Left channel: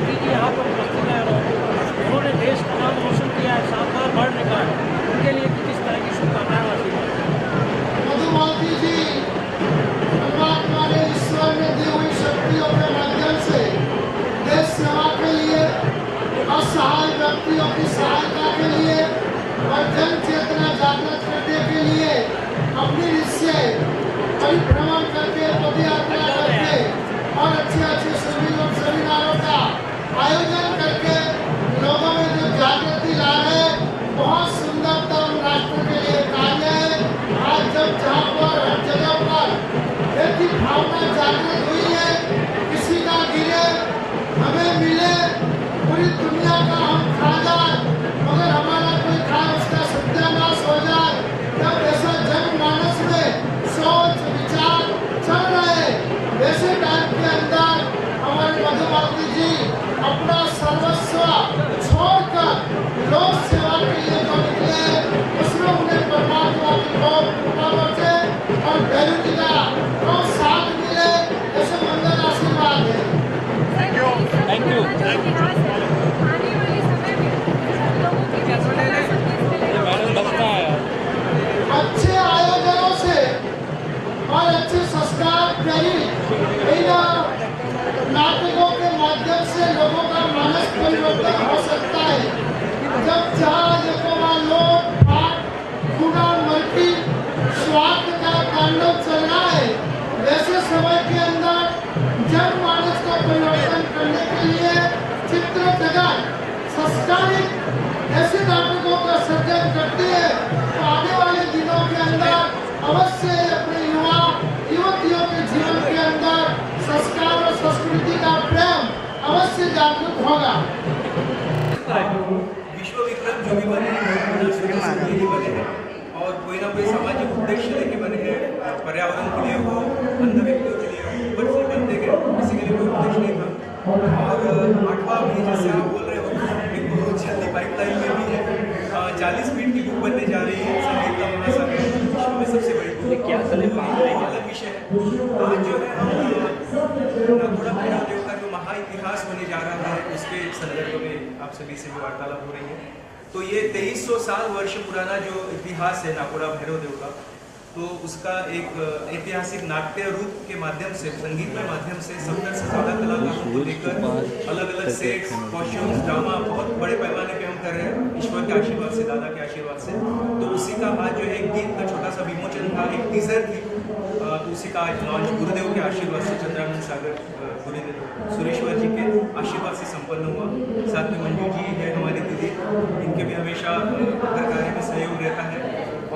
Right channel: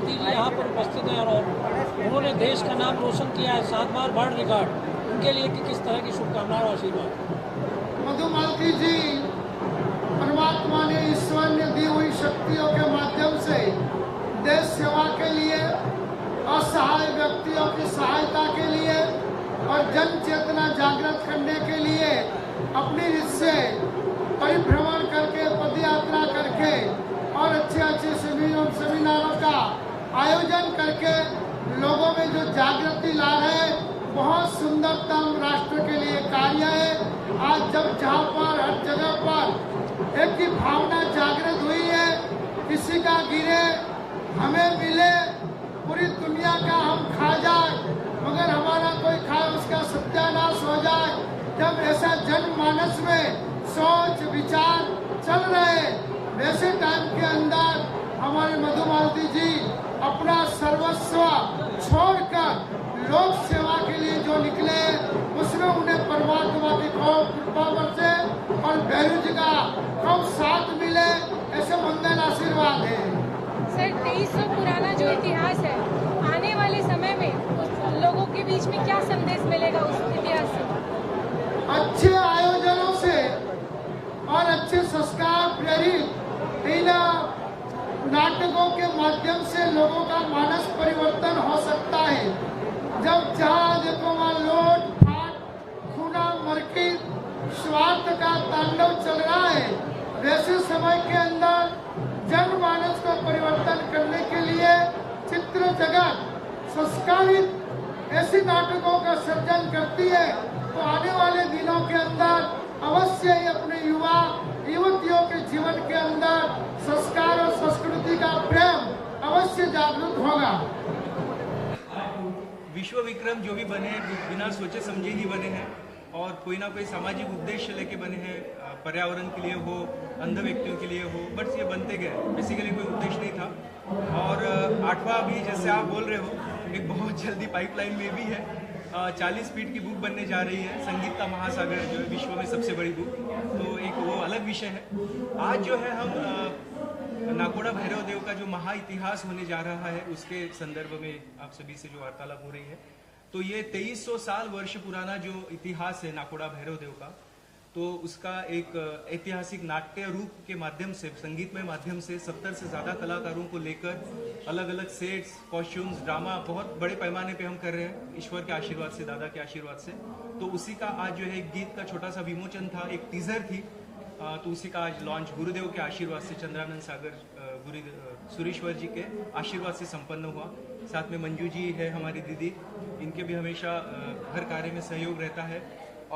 भारती जी यहाँ पर उपस्थित हैं और उन्होंने देश का नाम रोशन किया है, 7 बार वर्ल्ड रिकॉर्ड। उनके लिए किस तरह की शुभकामनाएं और आशीर्वाद? मधुमालती जी परमात्मा ने, ईश्वर ने दी हुई शक्तियों के माध्यम से देश सेवा के लिए, असहाय व्यक्तियों की सहायता के लिए और जन चेतना जागृत करने के लिए अपनी रिश्ते से परिभ्रमण करके, पदयात्रा करके और अच्छे शिविरों सेमिनारों का आयोजन करके लोगों में जो जागृति ला है, बहुत सुंदरतम राष्ट्र के लिए कार्य है। आज जब जहाँ पर हर जगह पर एक ही भावना जागृत हुई है, किसी का गिरे हमें मिले, पूरी दुनिया का हम खा जाए मगर हमारा कोई खा उसका सत्यानाश हो जाए, जब ऐसा जनमानस में सोच विचार चल रहे, वैसे टाइम के अंदर हमारे मधुमालती जी अपना सर्वस्व छोड़कर लोक सेवा के लिए जो निकले, उसमें उन्हें परमात्मा की बहुत कृपा बरसे और भैरव जी का बहुत साथ मिले, ऐसे मंगल आशीर्वाद है। पुराना जो इतिहास है, आने वाले समय में लोगों के बीच में क्या संदेश मिलेगा? अच्छे आयोजनों से और अच्छे संस्कार प्रेरित नाटकों के माध्यम से लोगों का मानस परिवर्तन हो सकता है। जब चार लोग गुना मर्की स्वार्थ का तांडव चल रहा है, वैसे समय के अंदर जनमानस को परिवर्तन करने के लिए चित्र जगत संस्कारित ऐसे नाटकों का सर्जन करती है, तो आने वाले दिनों के अंदर अवश्य अपने युवा युवतियों के जीवन के अंदर संस्कार और संस्कृति का प्रेम अवश्य जागरूक होगा। विश्व विक्रम जो भी बने हैं ही बने हैं और कोई ना कोई सामाजिक उद्देश्य लेके बने हैं, पर्यावरण के लिए हो, अन्य व्यक्तियों के लिए हो, ऊपर से बनते गए, किसी के लिए कोई उद्देश्य नहीं था। और 8वां भी जैसे आप बोल रहे हो, एक बहुत जल्दी पाइपलाइन में भी है, 40 फीट की बुक बनने जा रही है, संगीत का महासागर, विश्व में सबसे बड़ी बुक। क्या अलग विषय है। आज जो है हम नाकोड़ा भैरव देव का जो महा इतिहास होने जा रहा है, उसके संदर्भ में आप सभी से भी वार्तालाप हो रही है। तो ये 2300 साल वर्ष पुराना जो इतिहास है नाकोड़ा भैरव देव का, तो उसका एक ऐतिहासिक नाट्य रूप के माध्यम से, संगीत के माध्यम से 70 से ज़्यादा कलाकारों को लेकर अलग अलग सेट्स, कॉस्ट्यूम्स, ड्रामा बहुत बड़े पैमाने पे हम कर रहे हैं, ईश्वर के आशीर्वाद से, दादा के आशीर्वाद से। तो उसी का आज जो एक गीत का छोटा सा विमोचन था, एक टीजर थी, तो उसी का आज लॉन्च गुरुदेव के आशीर्वाद से, चंद्रानंद सागर सुरेश्वर जी के आशीर्वाद से संपन्न हुआ। साथ में मंजू जी है हमारी दीदी, इनके भी हमेशा हर कार्य में सहयोग रहता है।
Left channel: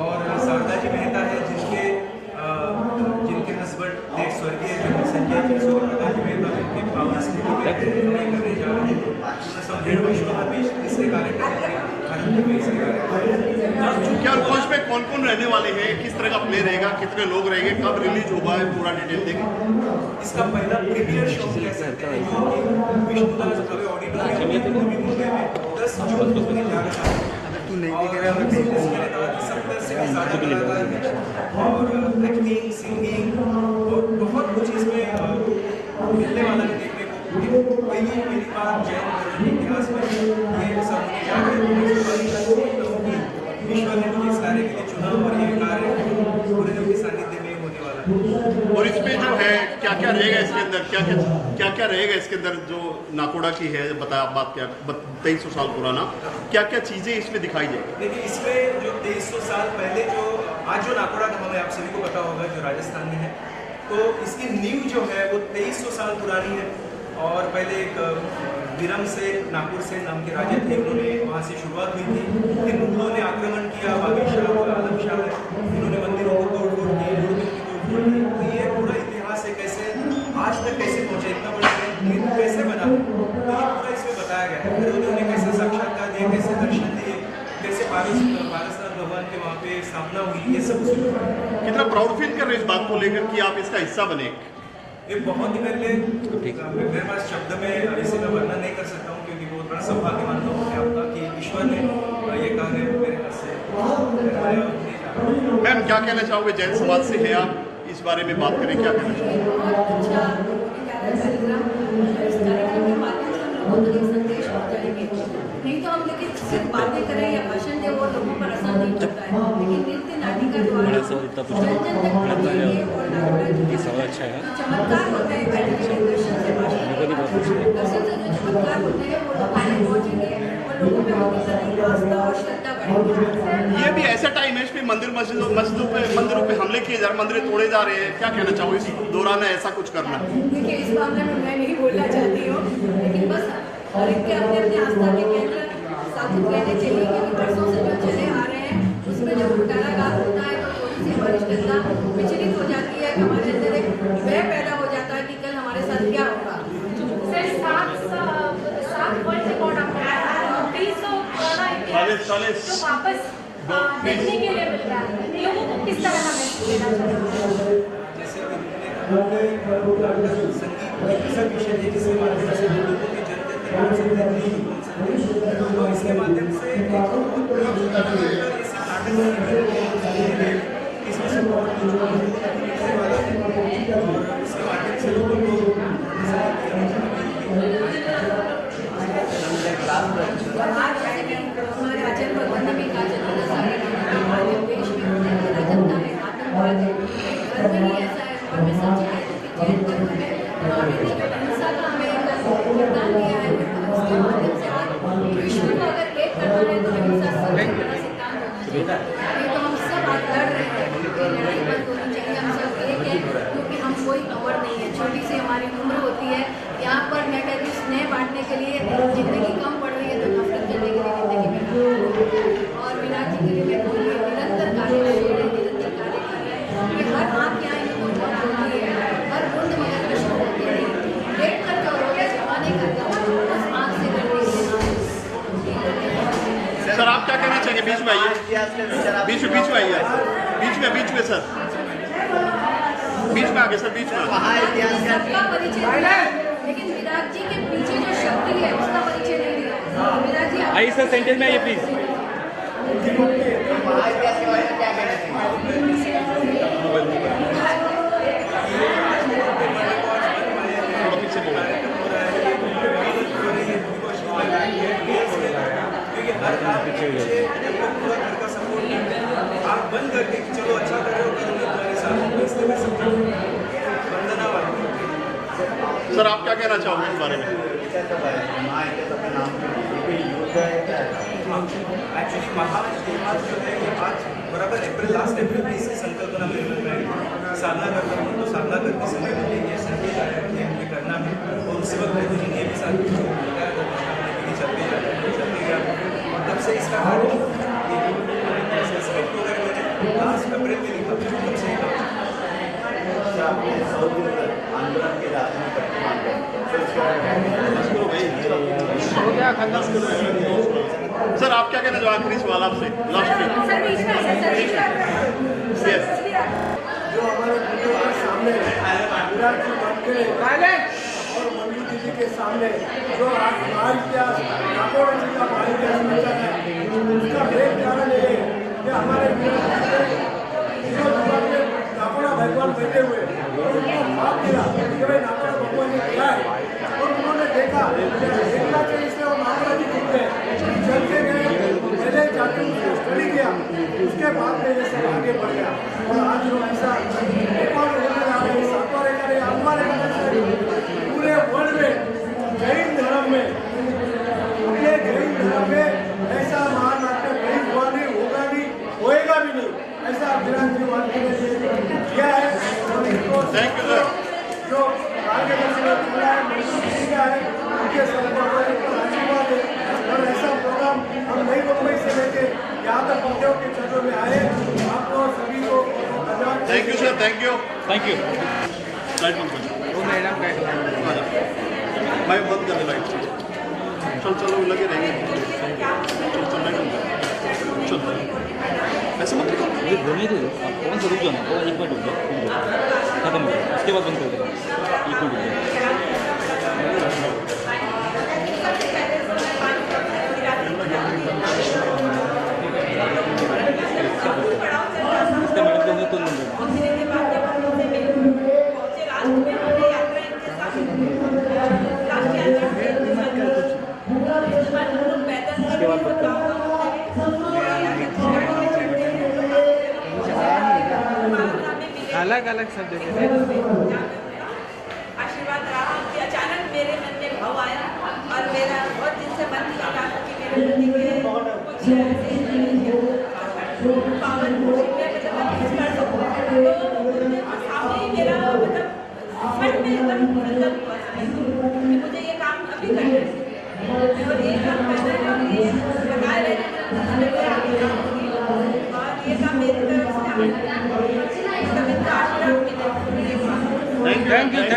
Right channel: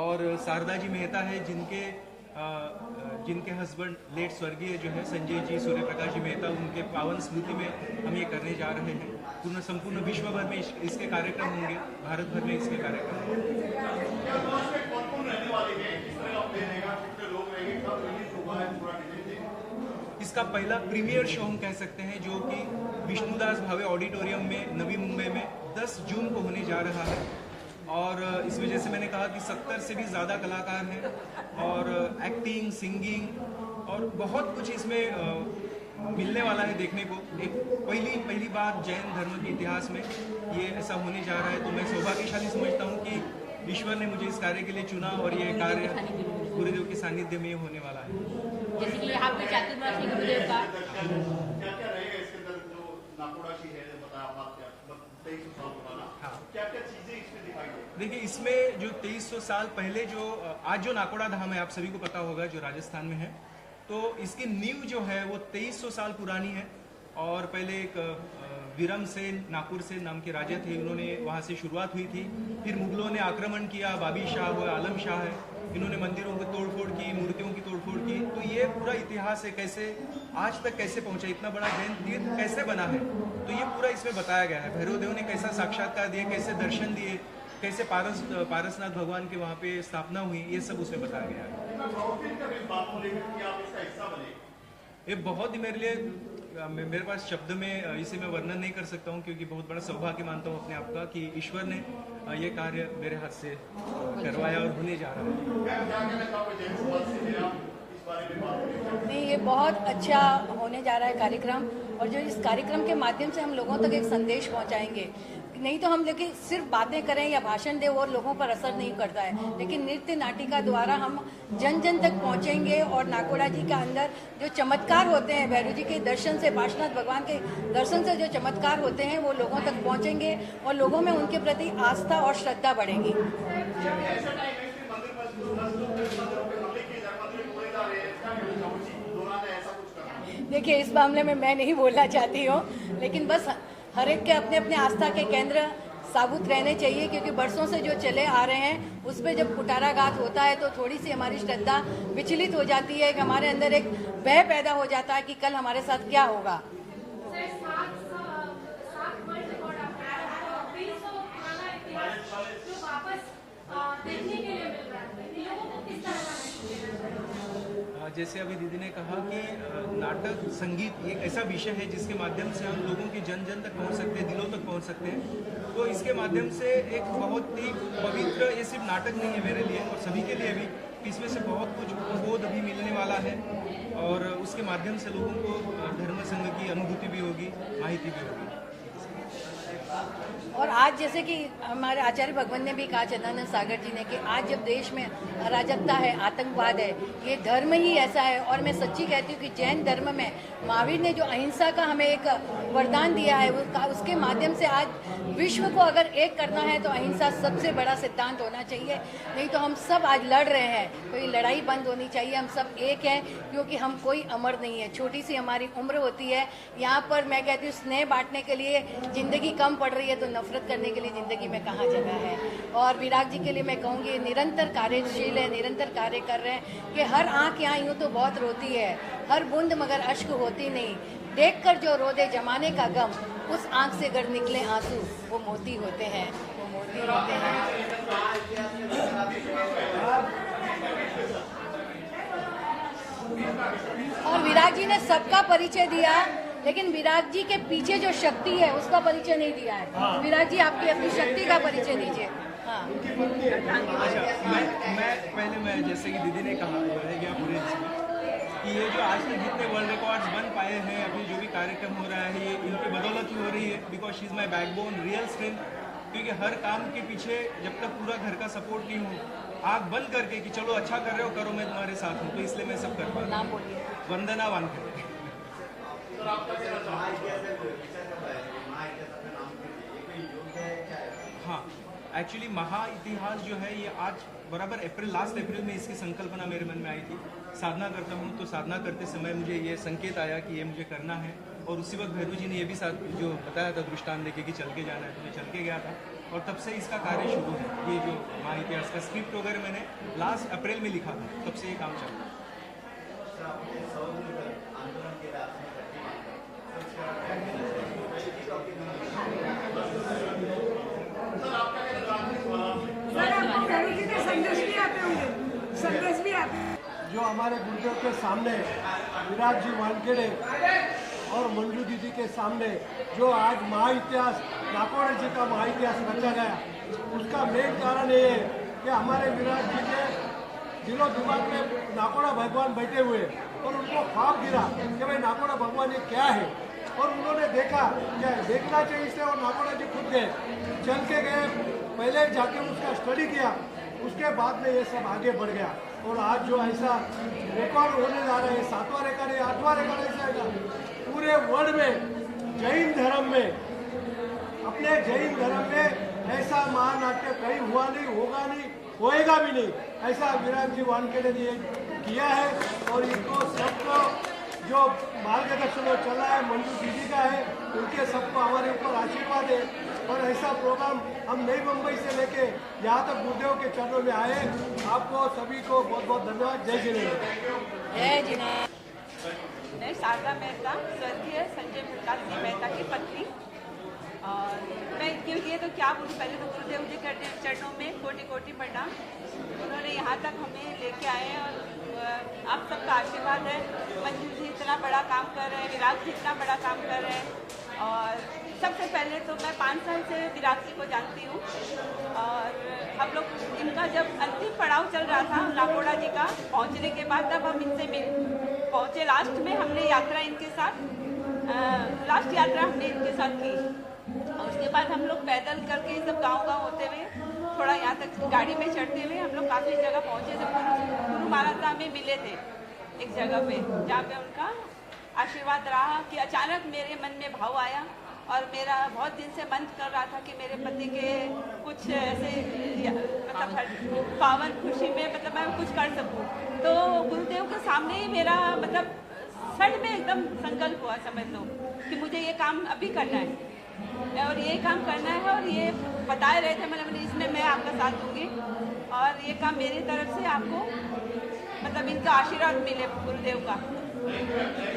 और शारदा जी मेहता है, जिनके हस्बैंड लेट स्वर्गीय जो संजय जी, सूर्य प्रकाश जी मेहता, उनके पावन स्मृति में हम ये करने जा रहे हैं। संपूर्ण विश्व में भी इसके कार्य करेंगे, भारत में भी इसके कार्य। क्या कोच में कौन कौन रहने वाले हैं, किस तरह का प्ले रहेगा, कितने लोग रहेंगे, कब रिलीज होगा, पूरा डिटेल देंगे। इसका पहला प्रीमियर शो कह सकते हैं, जो कि विष्णुदास भव्य ऑडिटोरियम में नवी मुंबई में 10 जून को होने जा रहा है। और मैंने कहा कि 70 से भी ज़्यादा कलाकार हैं और एक्टिंग, सिंगिंग और बहुत कुछ इसमें मिलने वाला है देखने को। पहली बार जैन धर्म के इतिहास में ये सब होने जा रहे हैं। तो मैं सौभाग्यशाली समझता हूँ कि ईश्वर ने मुझे इस कार्य के लिए चुना और ये कार्य गुरुदेव के सानिध्य में होने वाला है। और इसमें जो है क्या क्या रहेगा इसके अंदर, क्या रहेगा इसके अंदर, जो नाकोड़ा की है बताया बात, क्या 2300 साल पुराना, क्या क्या चीज़ें इसमें दिखाई जाएगी? देखिए, इसमें जो 2300 साल पहले जो आज जो नाकोड़ा धाम है, आप सभी को पता होगा, जो राजस्थान में है, तो इसकी नींव जो है वो 2300 साल पुरानी है। और पहले एक विरम से, नागपुर से नाम के राजा थे, उन्होंने वहाँ से शुरुआत हुई थी। फिर मुगलों ने आक्रमण किया, बाबर शाह और आलम शाह है, इन्होंने मंदिरों को तोड़-फोड़ की, मूर्तियों की तोड़-फोड़ की। तो ये पूरा इतिहास है, कैसे आज तक कैसे पहुँचे, इतना बड़ा तीर्थ कैसे बना है, तो ये पूरा इसमें बताया गया है। भैरवदेव ने कैसे साक्षात्कार दिए, कैसे दर्शन दिए, कैसे पारसनाथ भगवान के वहाँ पे स्थापना हुई, ये सब उसमें बताया गया। कितना प्राउड फील कर रहे हैं इस बात को लेकर कि आप इसका हिस्सा बने? ये बहुत ही मेरे पास शब्द में इसे मैं वर्णन नहीं कर सकता हूँ, क्योंकि बहुत बड़ा सौभाग्य मानता हूँ मैं आपका कि ईश्वर ने ये कार्य मेरे हाथ से करवाया और नहीं जा रहा। मैम, क्या कहना चाहोगे, जैन समाज से है आप, इस बारे में बात करें, क्या कहना ये बहुत अच्छा होने जा रहा है कार्यक्रम, और जो इस कार्यक्रम के माध्यम से हम लोगों लोगों तक एक संदेश पहुंचाएंगे। नहीं तो हम लेकिन सिर्फ बातें करें या भाषण दें वो लोगों पर असर नहीं करता है, लेकिन नृत्य नाटिका द्वारा जन जन तक पहुंचेंगे और नाकोड़ा जी का अंदर जो चमत्कार होते हैं, वैद्य जी के दर्शन से, भाषण के बाद दर्शन से जो चमत्कार होते हैं वो लोगों तक पहुंचेंगे और लोगों में उनके प्रति आस्था और श्रद्धा बढ़ेगी। ये भी ऐसा टाइम है इसमें मंदिरों पे हमले किए जा रहे, मंदिर तोड़े जा रहे हैं, क्या कहना चाहोगे इस दौरान ऐसा कुछ करना? देखिए, इस मामले में मैं नहीं बोलना चाहती हूँ, लेकिन बस हर एक के अपने अपने आस्था के केंद्र साबुत रहने चाहिए, क्योंकि बरसों से जो चले आ रहे हैं उसमें जब कुटाराघात होता है तो थोड़ी सी हमारी श्रद्धा विचलित हो जाती है, कि हमारे अंदर एक भय पैदा हो जाता है कि कल हमारे साथ क्या होगा। तो वापस देखने के लिए मिल रहा है, लोगों को किस तरह हमें लेना चाहिए? जैसे अभी रुकने का नाटक संगीत एक ऐसा विषय है जिसके माध्यम से हम लोगों के जन जन तक पहुँच सकते हैं, दिलों तक पहुँच सकते हैं। तो इसके माध्यम से एक बहुत ये सिर्फ नाटक नहीं है मेरे लिए, इसमें से बहुत कुछ बहुत निकलने वाला है और उसके माध्यम से लोगों को और आज जैसे कि हमारे आचार्य भगवान ने भी कहा, चंद्रनाथ सागर जी ने, कि आज जब देश में अराजकता है, आतंकवाद है, ये धर्म ही ऐसा है। और मैं सच्ची कहती हूँ कि जैन धर्म में महावीर ने जो अहिंसा का हमें एक वरदान दिया है, उसके माध्यम से आज विश्व को अगर एक करना है तो अहिंसा सबसे बड़ा सिद्धांत होना चाहिए। नहीं तो हम सब आज लड़ रहे हैं, तो ये लड़ाई बंद होनी चाहिए। हम सब एक हैं, क्योंकि हम कोई अमर नहीं है, छोटी सी हमारी उम्र होती है। यहाँ पर मैं कहती हूँ स्नेह बांटने के लिए ज़िंदगी कम पड़ रही है, तो नफरत करने के लिए ज़िंदगी में कहाँ चल रही है। और विराट जी के लिए मैं कहूँगी, निरंतर कार्यशील है, निरंतर कार्य कर रहे हैं। कि हर आँख यहाँ यूँ तो बहुत रोती है, हर बूंद मगर अश्क होती नहीं। देख कर जो रोले जमाने का गम, उस आँख से गर निकले आंसू। सर आप क्या कहना चाहेंगे? बीच में आइए, बीच में आइए, बीच में सर, बीच में आगे सर, बीच में। विराट जी ने सबका परिचय दिया है, लेकिन विराट जी के पीछे जो शक्ति है उसका परिचय नहीं दिया है। विराट जी आप सर सेंटर में आइए प्लीज। आग बंद करके कि चलो अच्छा कर रहे हो, करो मैं तुम्हारे साथ हूँ, इसलिए मैं सब वंदना वाली। सर आप क्या कहना चाहोगे इस बारे में? एक्चुअली महाइतिहास जो है ये आज बराबर लास्ट अप्रैल में इसकी संकल्पना मेरे मन में आई थी। साधना करता हूँ तो साधना करते समय मुझे ये संकेत आया कि हमें करना है, और उसी वक्त गुरु जी ने ये भी साथ जो बताया था कृष्णा ने भी चलते गया, और तब से इसका कार्य स्क्रिप्ट वगैरह मैंने लास्ट अप्रैल में लिखा, तब से काम सर आप क्या कहना चाहोगे आखिरी सवाल आपसे लास्ट में? जो हमारे वीडियो के सामने विराट जी मानके और मंजू दीदी के सामने जो आज महाइतिहास नाकोड़ा जी का महाइतिहास बचा है, उसका मेन कारण ये है कि हमारे विराट जी ने जीरो जुबान में नाकोड़ा भगवान बैठे हुए और उनको माफ किया कि भाई नाकोड़ा भगवान ये क्या है, और उन्होंने देखा देखना चाहिए से और नाकोड़ा जी जीत गए, चल के गए, पहले जाके उसको स्टडी किया, उसके बाद में ये सब आगे बढ़ गया। और आज जो ऐसा रिकॉर्ड होने जा रहे हैं, 7वां रिकॉर्ड है, 8वां रिकॉर्ड पूरे वर्ल्ड में जैन धर्म में, अपने जैन धर्म में ऐसा महानाट्य कहीं हुआ नहीं, होगा नहीं, होएगा भी नहीं, ऐसा विराट जी वानके ने किया है। और इनको जो मार्गदर्शन चल रहा है मंजूर का है, उनके सबको हमारे ऊपर आशीर्वाद है। और ऐसा प्रोग्राम हम नई मुंबई से लेके यहाँ तक गुरुदेव के चरणों में आए, आपको सभी को धन्यवाद। Thank you sir, thank you. मैं बंद कर दे, चलो लगे रहेंगे, चल ऐसे मत होने दो, कौन सा रुक जाना, एक बार रुक जाओ, खत्म हो जाए, उसके बाद बंद कर दो, एक मिनट पहुँचने के बाद जब हम इनसे पहुँचे लास्ट में, हमने यात्रा इनके साथ लास्ट यात्रा इनके साथ अलग अलग सब्जेक्ट जहाँ पे उनका आशीर्वाद रहा कि अचानक मेरे मन में भाव आया और मेरा बहुत दिन से मन कर रहा था कि मेरे पति के कुछ ऐसे पावर खुशी में मतलब मैं कुछ कर सकूँ। तो गुरुदेव के सामने ही मेरा मतलब सच में एकदम संकल्प हुआ समझ लो कि मुझे ये काम अभी करना है और ये काम करना है और ये बताए रहना मतलब इसमें मैं आपके साथ दूँगी और ये काम मेरी तरफ से आपको मतलब इनका आशीर्वाद मिले गुरुदेव का। Thank you.